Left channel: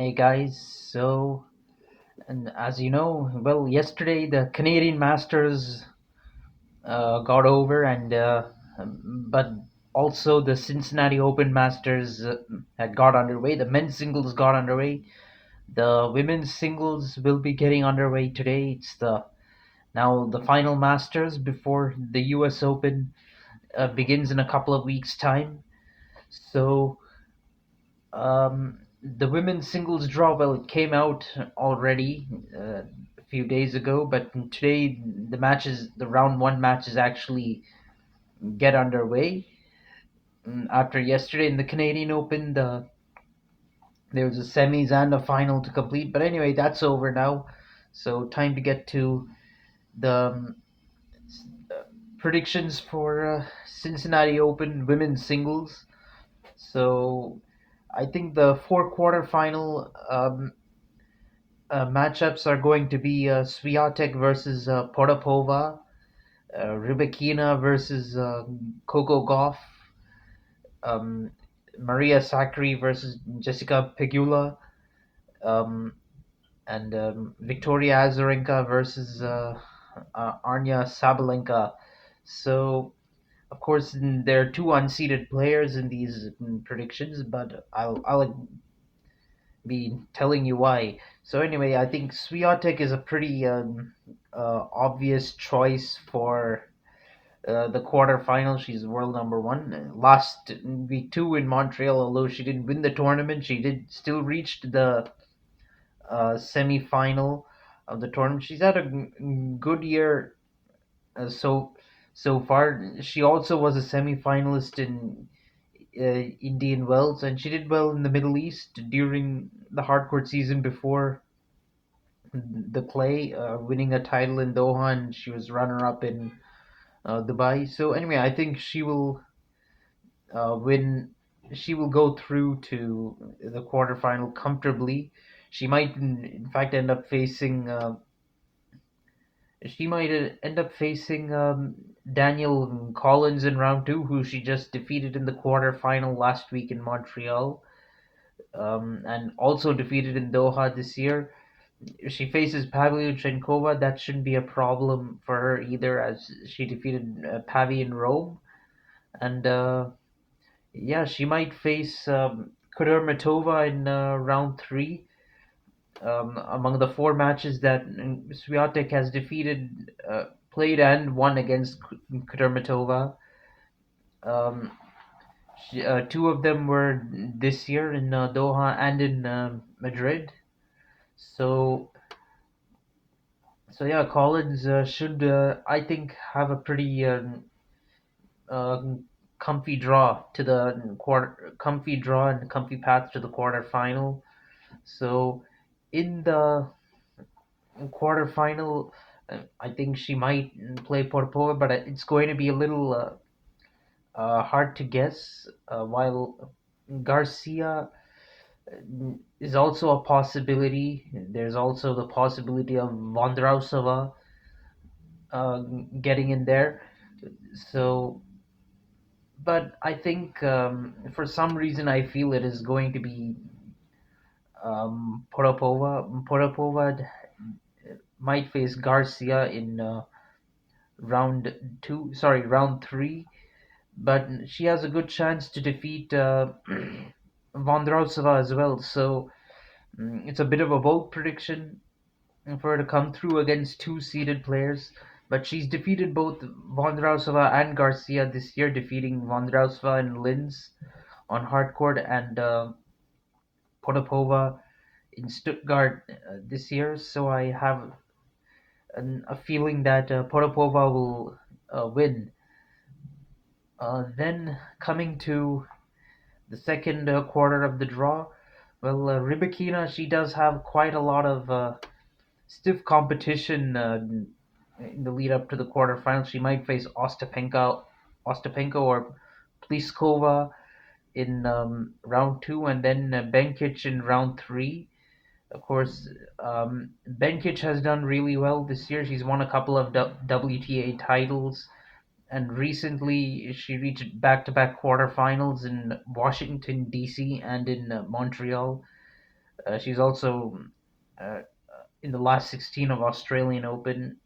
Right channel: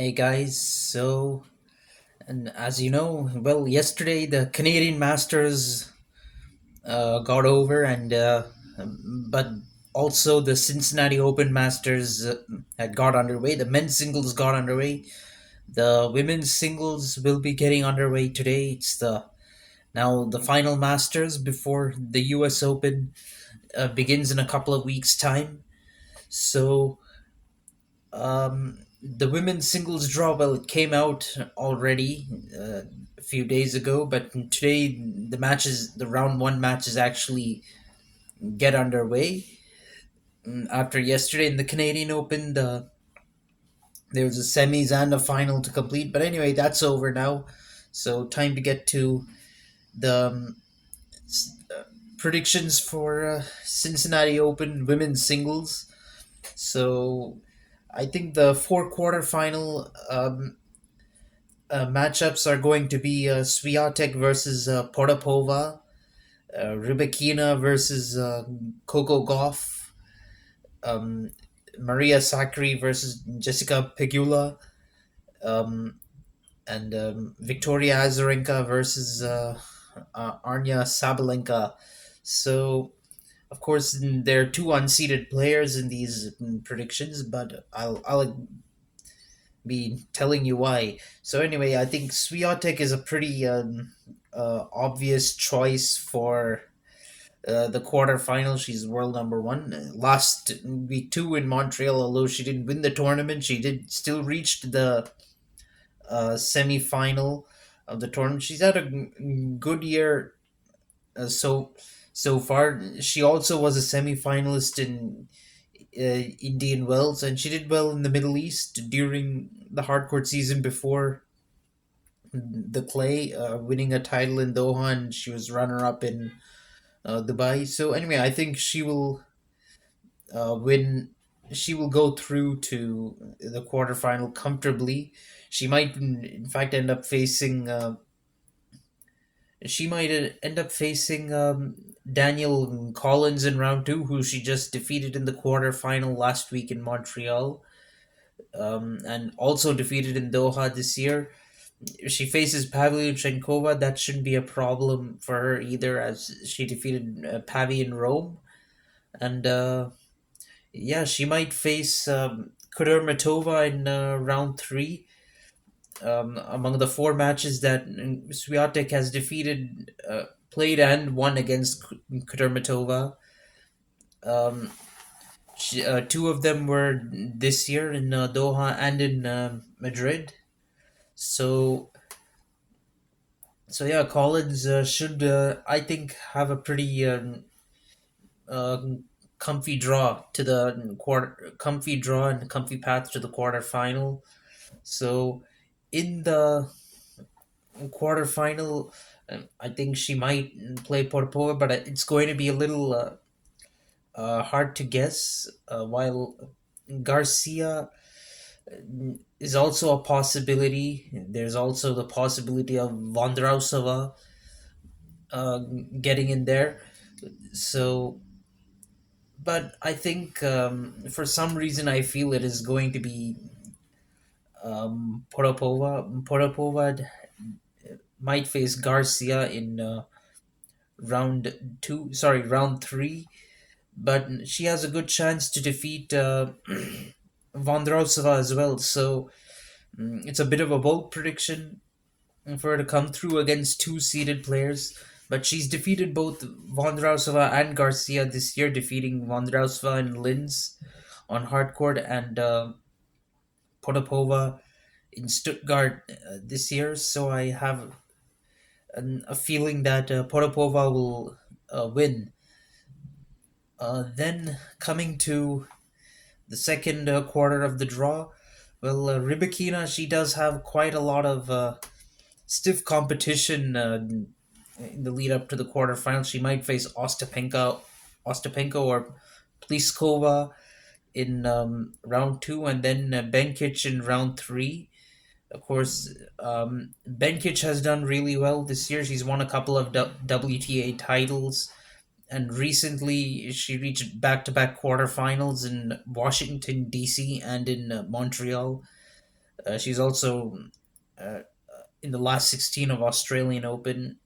Hey guys, and as you know, well, yesterday the Canadian Masters got over, but also the Cincinnati Open Masters had got underway. The men's singles got underway. The women's singles will be getting underway today. It's the final Masters before the U.S. Open begins in a couple of weeks' time. So the women's singles draw, well, it came out already a few days ago, but today the round one matches actually get underway. After yesterday in the Canadian Open, there was a semis and a final to complete. But anyway, that's over now. So time to get to the predictions for Cincinnati Open women's singles. So I think the four quarterfinal matchups are going to be Swiatek versus Potapova, Rybakina versus Coco Gauff, um, Maria Sakkari versus Jessica Pegula, um, and Victoria Azarenka versus Arnya Sabalenka. So, of course, there are two unseeded players in these predictions, but I'll be telling you why. So anyway, I think Swiatek is a pretty obvious choice for the quarterfinal. She's world number one. Last week two in Montreal, although she didn't win the tournament, she did still reach the semi-final of the tournament. She's had a good year so far. She also was a semi-finalist in Indian Wells, and she did well in the Middle East during the hardcourt season before the clay, winning a title in Doha, and she was runner-up in Dubai. So anyway, I think she will win. She will go through to the quarterfinal comfortably. She might, in fact, end up facing. She might end up facing Daniel Collins in round two, who she just defeated in the quarterfinal last week in Montreal, and also defeated in Doha this year. If she faces Pavlyuchenkova, that shouldn't be a problem for her either, as she defeated Pavi in Rome. And yeah, she might face Kudermetova in round three. Among the four matches that Swiatek has played and won against Kudermetova, um, two of them were this year in Doha and in Madrid. So yeah, Collins should I think have a pretty uh, comfy draw to the comfy draw and comfy path to the quarterfinal. So in the quarterfinal, I think she might play Porto, but it's going to be a little hard to guess. While Garcia is also a possibility, there's also the possibility of Vondrausova uh, getting in there. So, but I think for some reason I feel it is going to be Potapova. Potapova might face Garcia in round two. Sorry, round three. But she has a good chance to defeat Vondrousova as well. So it's a bit of a bold prediction for her to come through against two seeded players. But she's defeated both Vondrousova and Garcia this year, defeating Vondrousova and Linz on hardcourt and Potapova in Stuttgart this year. So I have a feeling that Potapova will win. Then coming to the second quarter of the draw, well, Rybakina, she does have quite a lot of stiff competition in the lead up to the quarterfinals. She might face Ostapenko or Pliskova in round two, and then Benkic in round three. Of course, Benkic has done really well this year. She's won a couple of WTA titles, and recently she reached back-to-back quarterfinals in Washington D.C. and in Montreal. She's also uh, in the last 16 of Australian Open.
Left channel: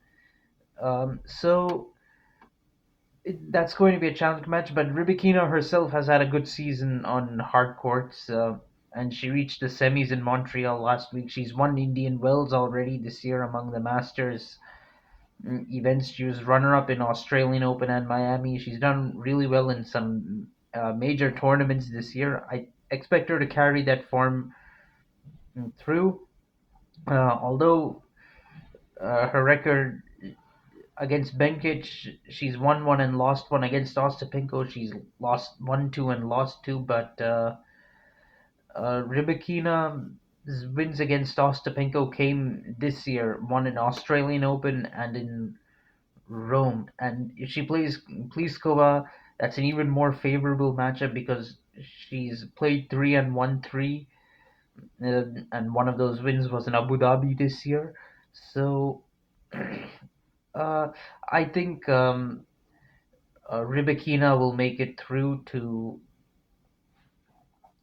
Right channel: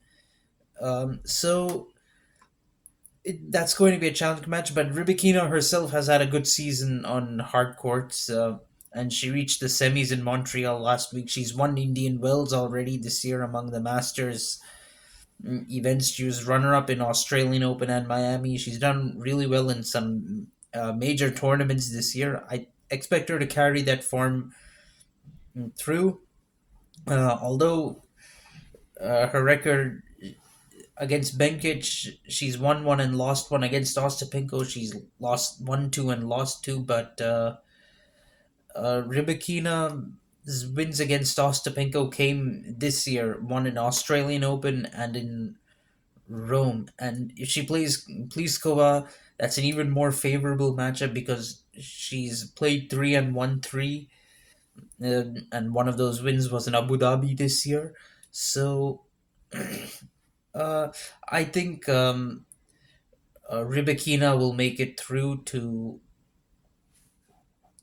So that's going to be a challenge match. But Rybakina herself has had a good season on hard courts, and she reached the semis in Montreal last week. She's won Indian Wells already this year among the Masters events. She was runner up in Australian Open and Miami. She's done really well in some major tournaments this year. I expect her to carry that form through. Although her record against Benkic, she's won one and lost one. Against Ostapenko, she's lost 1-2 and lost two. But Rybakina's wins against Ostapenko came this year, one in Australian Open and in Rome. And if she plays Pliskova, that's an even more favorable matchup because she's played three and won three, and one of those wins was in Abu Dhabi this year. So uh, I think Rybakina will make it through to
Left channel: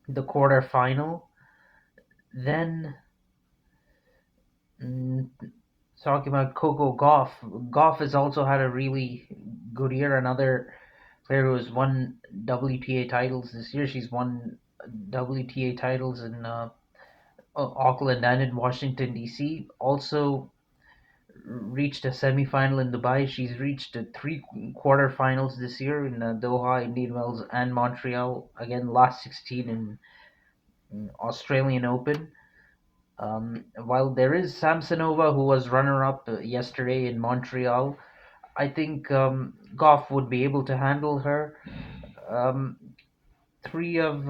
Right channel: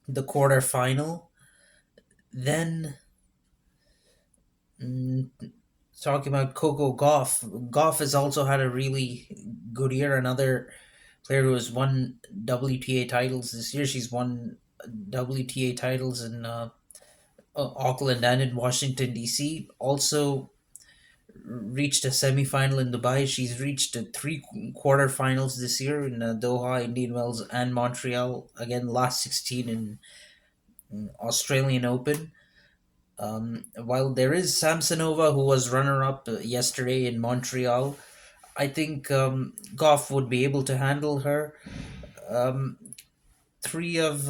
the quarterfinal. Then, mm, talking about Coco Gauff, Gauff has also had a really good year. Another player who has won WTA titles this year. She's won WTA titles in Auckland and in Washington D.C. Also reached a semi-final in Dubai. She's reached three quarterfinals this year in Doha, Indian Wells, and Montreal. Again, last 16 in Australian Open. While there is Samsonova, who was runner-up yesterday in Montreal, I think Goff would be able to handle her. Um, three of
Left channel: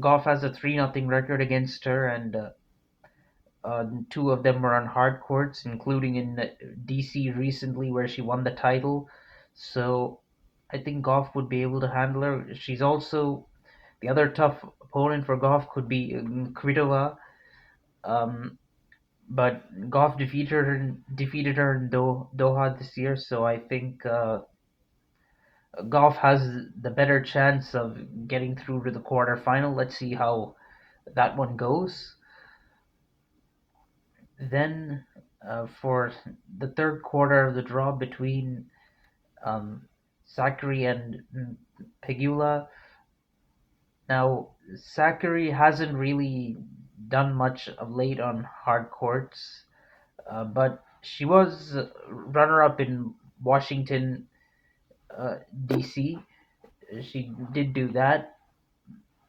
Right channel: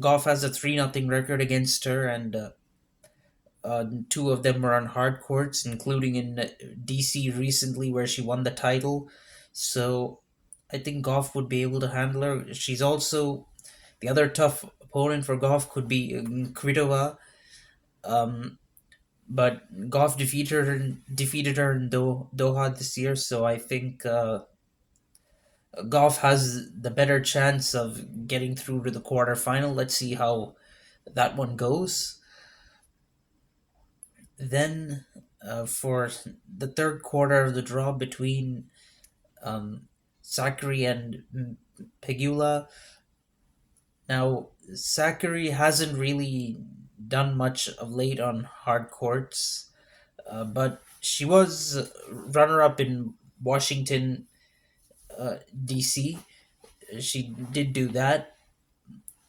Goff has a 3-0 record against her, and two of them were on hard courts, including in DC recently, where she won the title. So I think Goff would be able to handle her. She's also the other tough opponent for Goff could be Kvitova, um, but Goff defeated her in Doha this year. So I think Goff has the better chance of getting through to the quarterfinal. Let's see how that one goes. Then, for the third quarter of the draw between um, Zachary and Pegula. Now, Zachary hasn't really done much of late on hard courts, but she was runner-up in Washington, D.C. She did do that,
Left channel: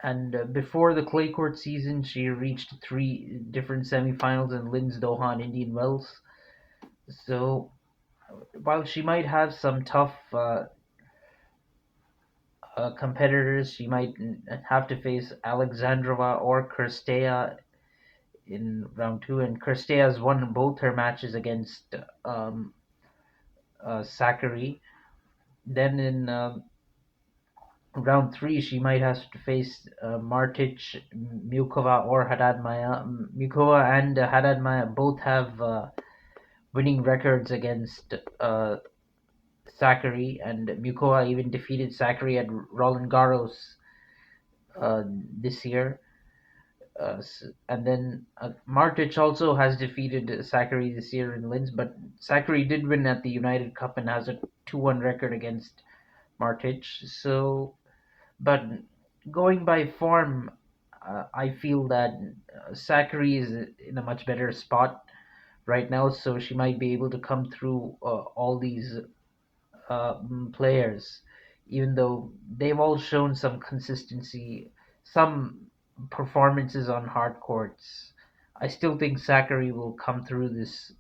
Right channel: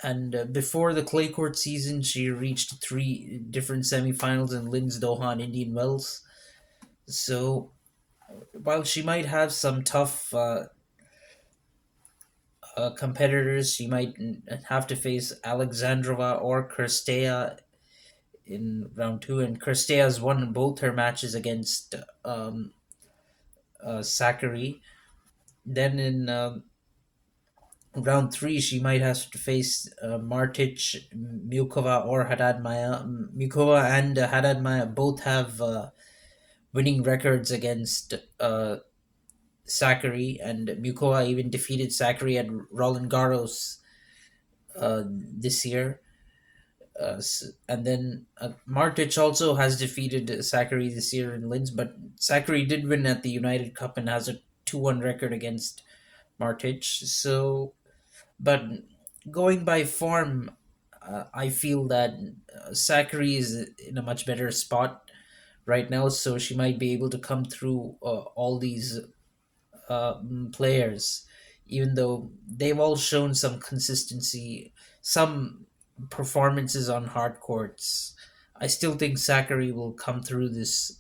and before the clay court season, she reached three different semifinals in Linz, Doha, and Indian Wells. So while she might have some tough competitors, she might have to face Alexandrova or Kirstea in round two, and Kirstea has won both her matches against Sakari. Then in round three, she might have to face Martic, Mukova, or Haddad Maya. Mukova and Haddad Maya both have winning records against Sakari, and Mukova even defeated Sakari at Roland Garros this year. And then Martic also has defeated Sakari this year in Linz, but Sakari did win at the United Cup and has a 2-1 record against Martic. So, but going by form, I feel that Sakari is in a much better spot right now, so she might be able to come through all these players, even though they've all shown some consistency, some performances on hard courts. I still think Zachary will come through this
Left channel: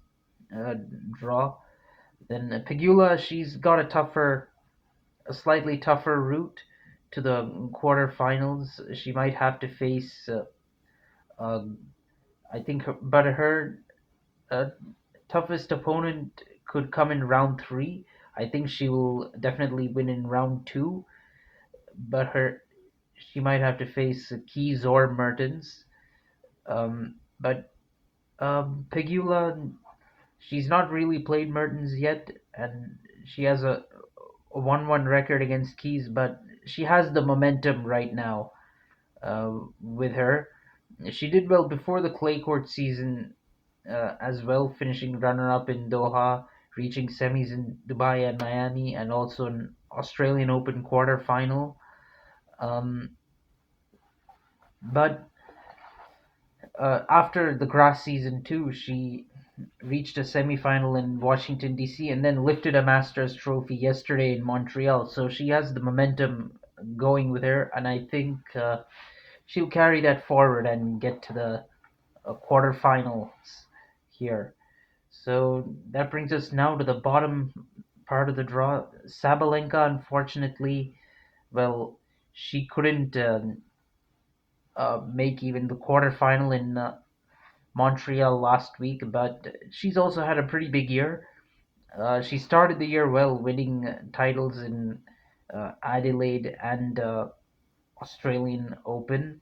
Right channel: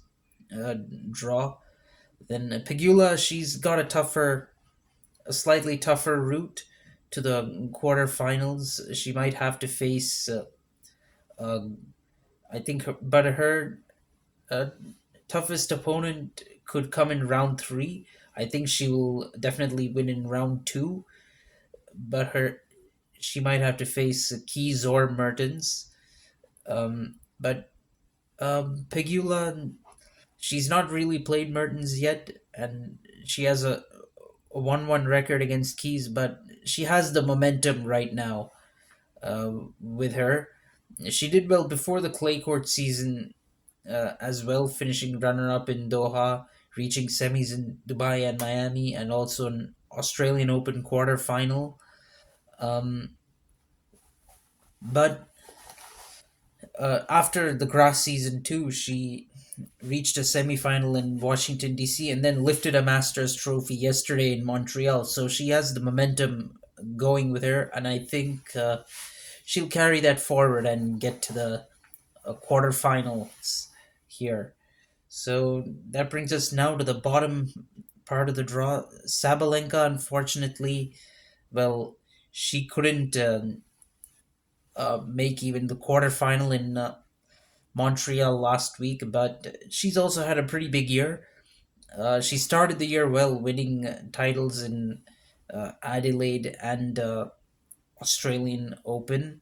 draw. Then Pegula, she's got a slightly tougher route to the quarterfinals. She might have to face, uh, I think, her uh, toughest opponent could come in round three. I think she will definitely win in round two, but she might have to face Keys or Mertens. But Pegula, she's not really played Mertens yet, and she has a 1-1 record against Keys, but she has the momentum right now with her. She did well before the clay court season as well, finishing runner up in Doha, reaching semis in Dubai and Miami, and also an Australian Open quarter final. Um, but after the grass season too, she reached a semifinal in Washington D.C. and then lifted a Masters trophy yesterday in Montreal. So she has the momentum going with her, and I think she'll carry that forward and get to the quarterfinals here. So that brings us now to the bottom part of the draw. Sabalenka, unfortunately, well, she couldn't make even the quarterfinal in Montreal last week, but she's also had a pretty big year. She started the year well, winning titles in Adelaide and Australian Open,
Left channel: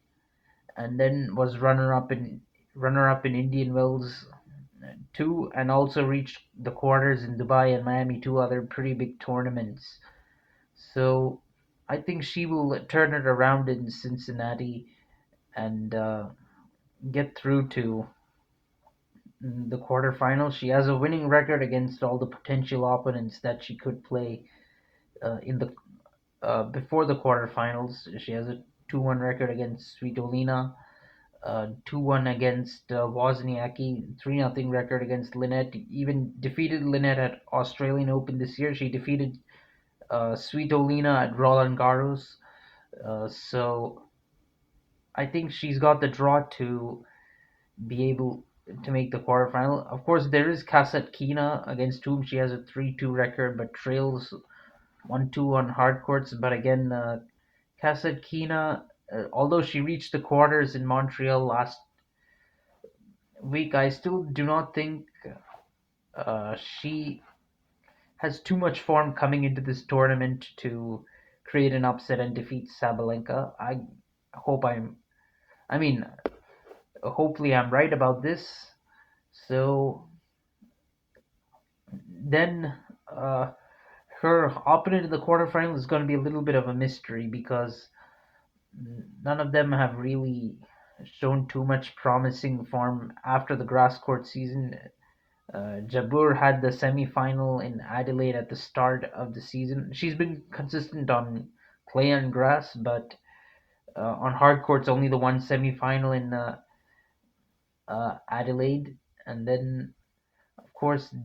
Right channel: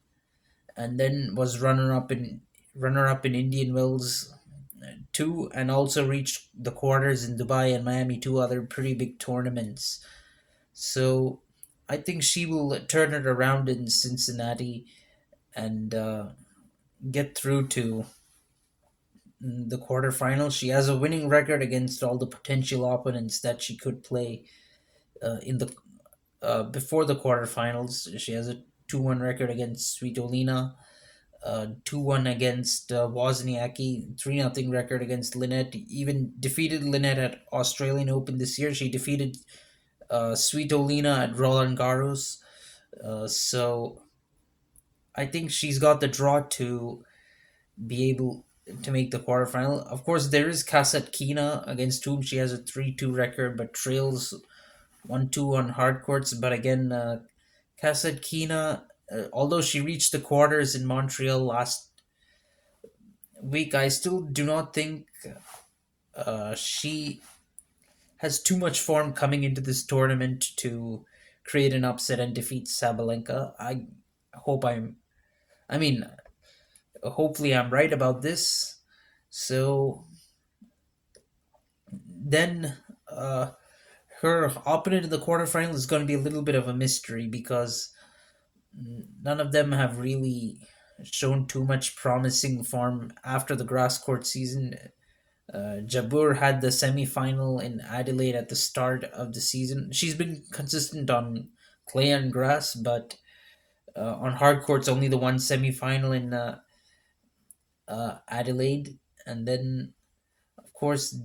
and then was runner up in Indian Wells too, and also reached the quarters in Dubai and Miami, two other pretty big tournaments. So I think she will turn it around in Cincinnati and get through to the quarterfinals. She has a winning record against all the potential opponents that she could play in the before the quarterfinals. She has a 2-1 record against Svitolina, 2-1 against Wozniacki, 3-0 record against Lynette. Even defeated Lynette at Australian Open this year. She defeated Svitolina at Roland Garros. So I think she's got the draw to be able to make the quarterfinal. Of course, there is Kasatkina against whom she has a 3-2 record but trails 1-2 on hard courts. But again, Kasatkina, although she reached the quarters in Montreal last week, I still do not think she has too much form coming into this tournament to create an upset and defeat Sabalenka. Hope I'm, I mean, hopefully I'm right about this. So then her opponent in the quarterfinal is going to be a little bit of a mystery because none of them have really shown too much promising form after the grass court season. Jabeur had the semi-final in Adelaide at the start of the season. She's been consistent on clay and grass, but on hard courts, only the one semi-final in Adelaide, and then of course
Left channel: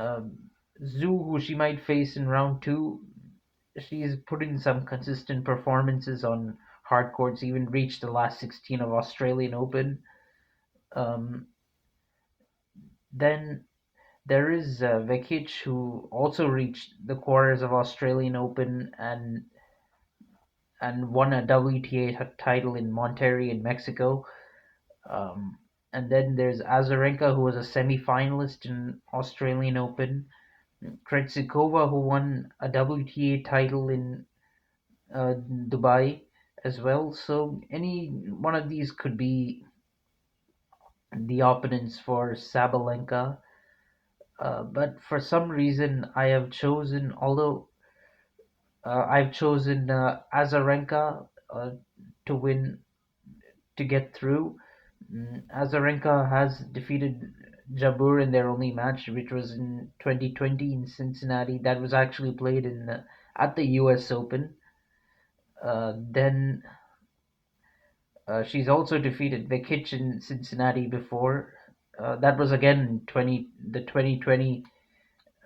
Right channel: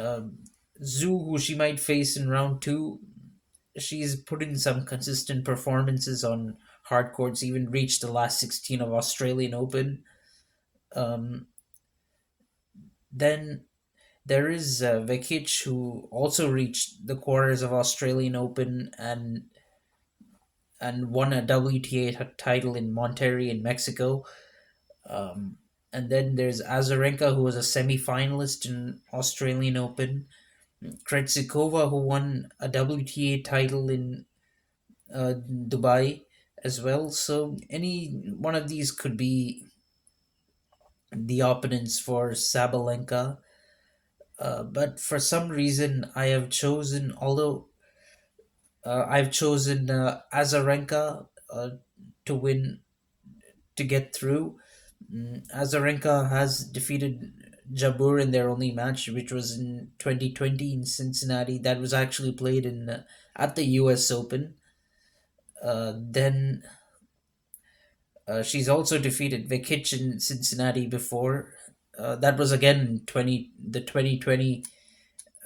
Zhu, who she might face in round two. She's put in some consistent performances on hard courts, even reached the last 16 of Australian Open. Um, then there is Vekic, who also reached the quarters of Australian Open and won a WTA title in Monterrey in Mexico. Um, and then there's Azarenka, who was a semi-finalist in Australian Open. Krejcikova, who won a WTA title in Dubai as well. So any one of these could be the opponents for Sabalenka. But for some reason, I've chosen Azarenka to win to get through. Azarenka has defeated Jabeur in their only match, which was in 2020 in Cincinnati. That was actually played in at the U.S. Open. Then she's also defeated Vekic in Cincinnati before. That was again 2020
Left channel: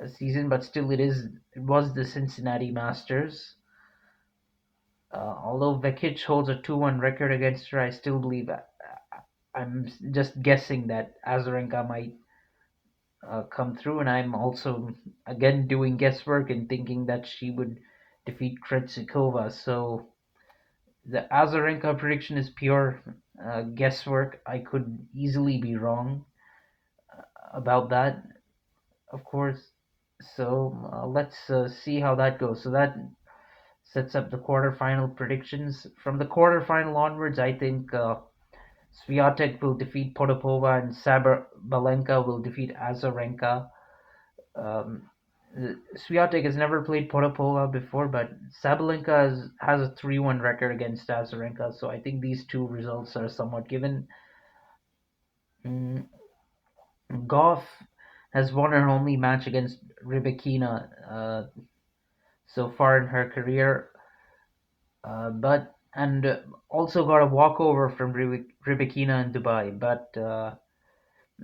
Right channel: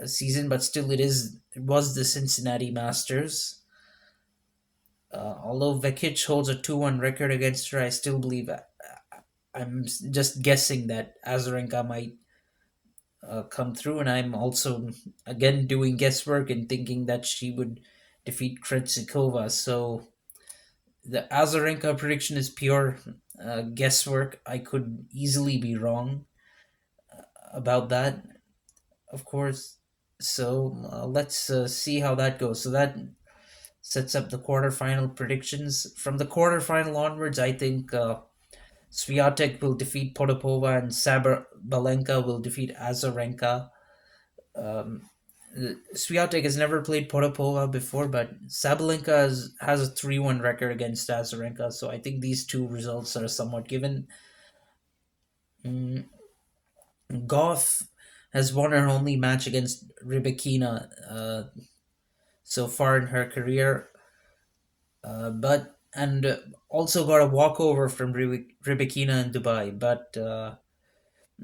season, but still it was the Cincinnati Masters. Although Vekic holds a 2-1 record against her, I still believe I'm just guessing that Azarenka might come through, and I'm also again doing guesswork and thinking that she would defeat Krejcikova. So the Azarenka prediction is pure guesswork. I could easily be wrong about that, of course. So let's see how that goes. So that sets up the quarterfinal predictions. From the quarterfinal onwards, I think Swiatek will defeat Potapova and Sabalenka will defeat Azarenka. Swiatek has never played Potapova before, but Sabalenka has a 3-1 record against Azarenka, so I think these two results are somewhat given. Mm, Goff has won her only match against Rybakina so far in her career, but and also got a walkover from Rybakina in Dubai. But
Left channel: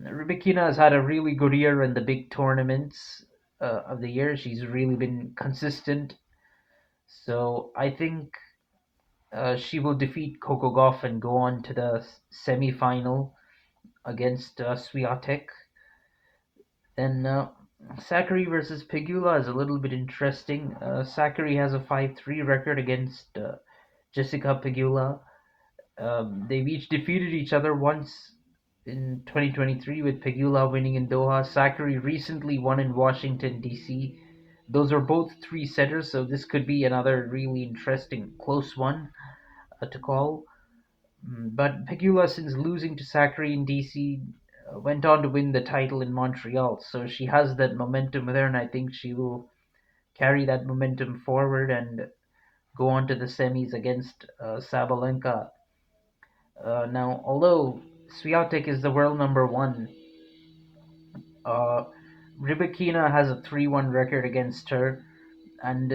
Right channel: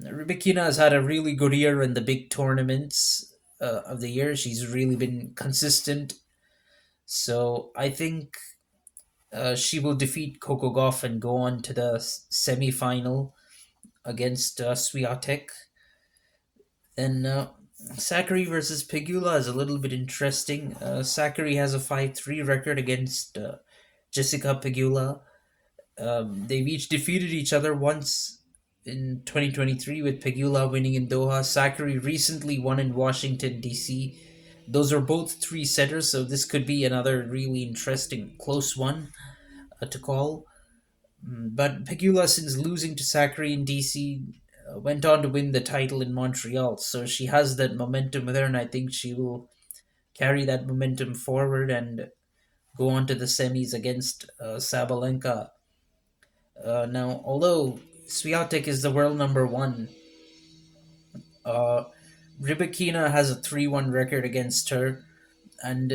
Rybakina has had a really good year in the big tournaments of the year. She's really been consistent. So I think she will defeat Coco Gauff and go on to the semi-final against Swiatek. Then Sakari versus Pegula is a little bit interesting. Sakari has a 5-3 record against Jessica Pegula. They've each defeated each other once in 2023, with Pegula winning in Doha. Sakari recently won in Washington, D.C. Those are both three setters, so this could be another really interesting, close one to call. But Pegula, since losing to Sakari in DC, went on to win the title in Montreal. So she has that momentum with her, and I think she will carry that momentum forward and go on to the semis against Sabalenka. Now, although Swiatek is the world number one, uh, Rybakina has a 3-1 record against her, and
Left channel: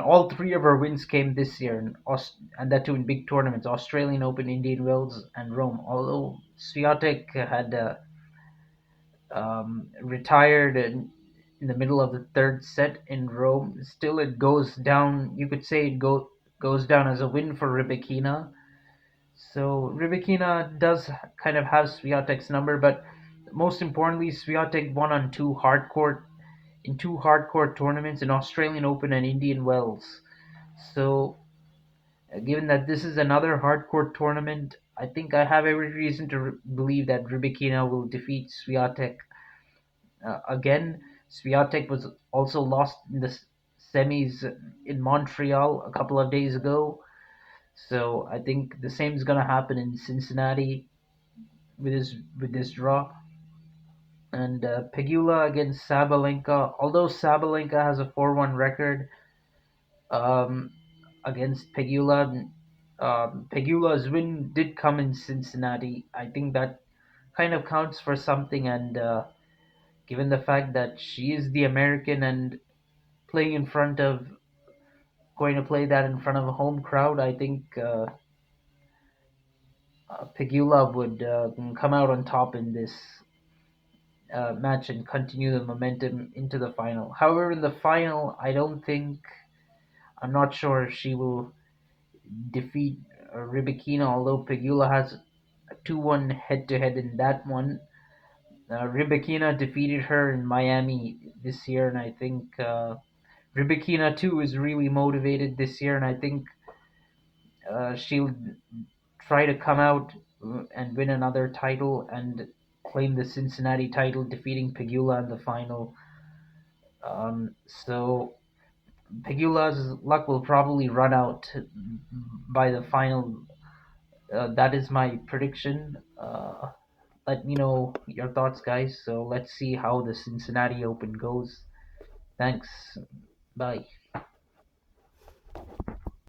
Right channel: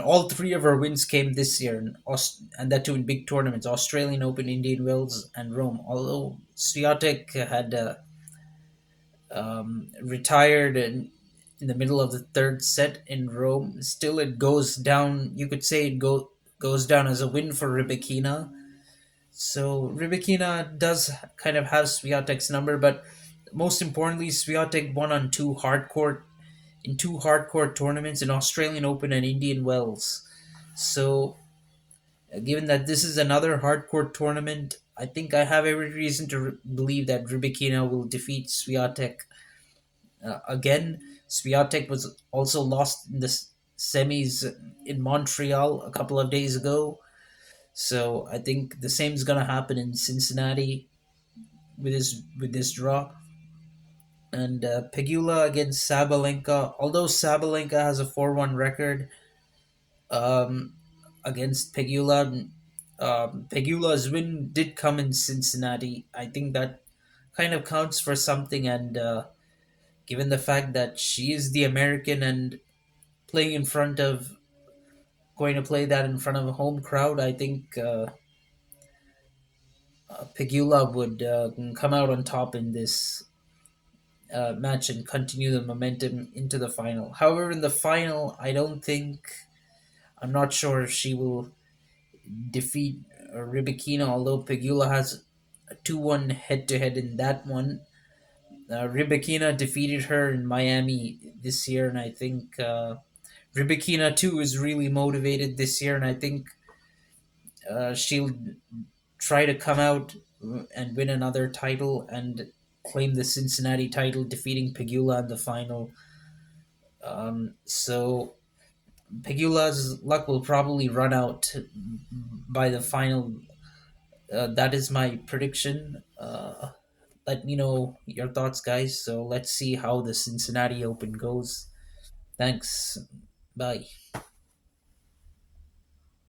all three of her wins came this year, and that too in big tournaments: Australian Open, Indian Wells, and Rome. Although Swiatek had retired in the middle of the third set in Rome, still it goes down. You could say goes down as a win for Rybakina. So Rybakina does kind of have Swiatek's number, but most importantly, Swiatek won on two hardcore tournaments, in Australian Open and Indian Wells. So, given that this is another hardcore tournament, I think I have every reason to believe that Rybakina will defeat Swiatek again. Swiatek was also lost in the semis in Montreal a couple of days ago. So I think the same is gonna happen in Cincinnati with this draw. And Pegula against Sabalenka. Although Sabalenka has a 4-1 record, um, against Pegula. Pegula's win did come in Cincinnati. I think that kind of counts for something, and given the fact that she is the American and playing in front of going to play that in front of a home crowd, I think Pegula would come out on top in this match and continue the momentum into the final. However, in the final, I'm not sure if she will defeat Rybakina, although Pegula has a 2-1 head to head in that one. Rybakina defeated her in Miami this year, and I think Rybakina too is really motivated this year, and I think she'll try to come out and win another title and claim the Cincinnati title, defeating Pegula in the final. So Pegula's luck will probably run out by the final. That is my prediction. Let me know your thoughts, guys. So let's see how the Cincinnati Open goes. Thanks. Bye.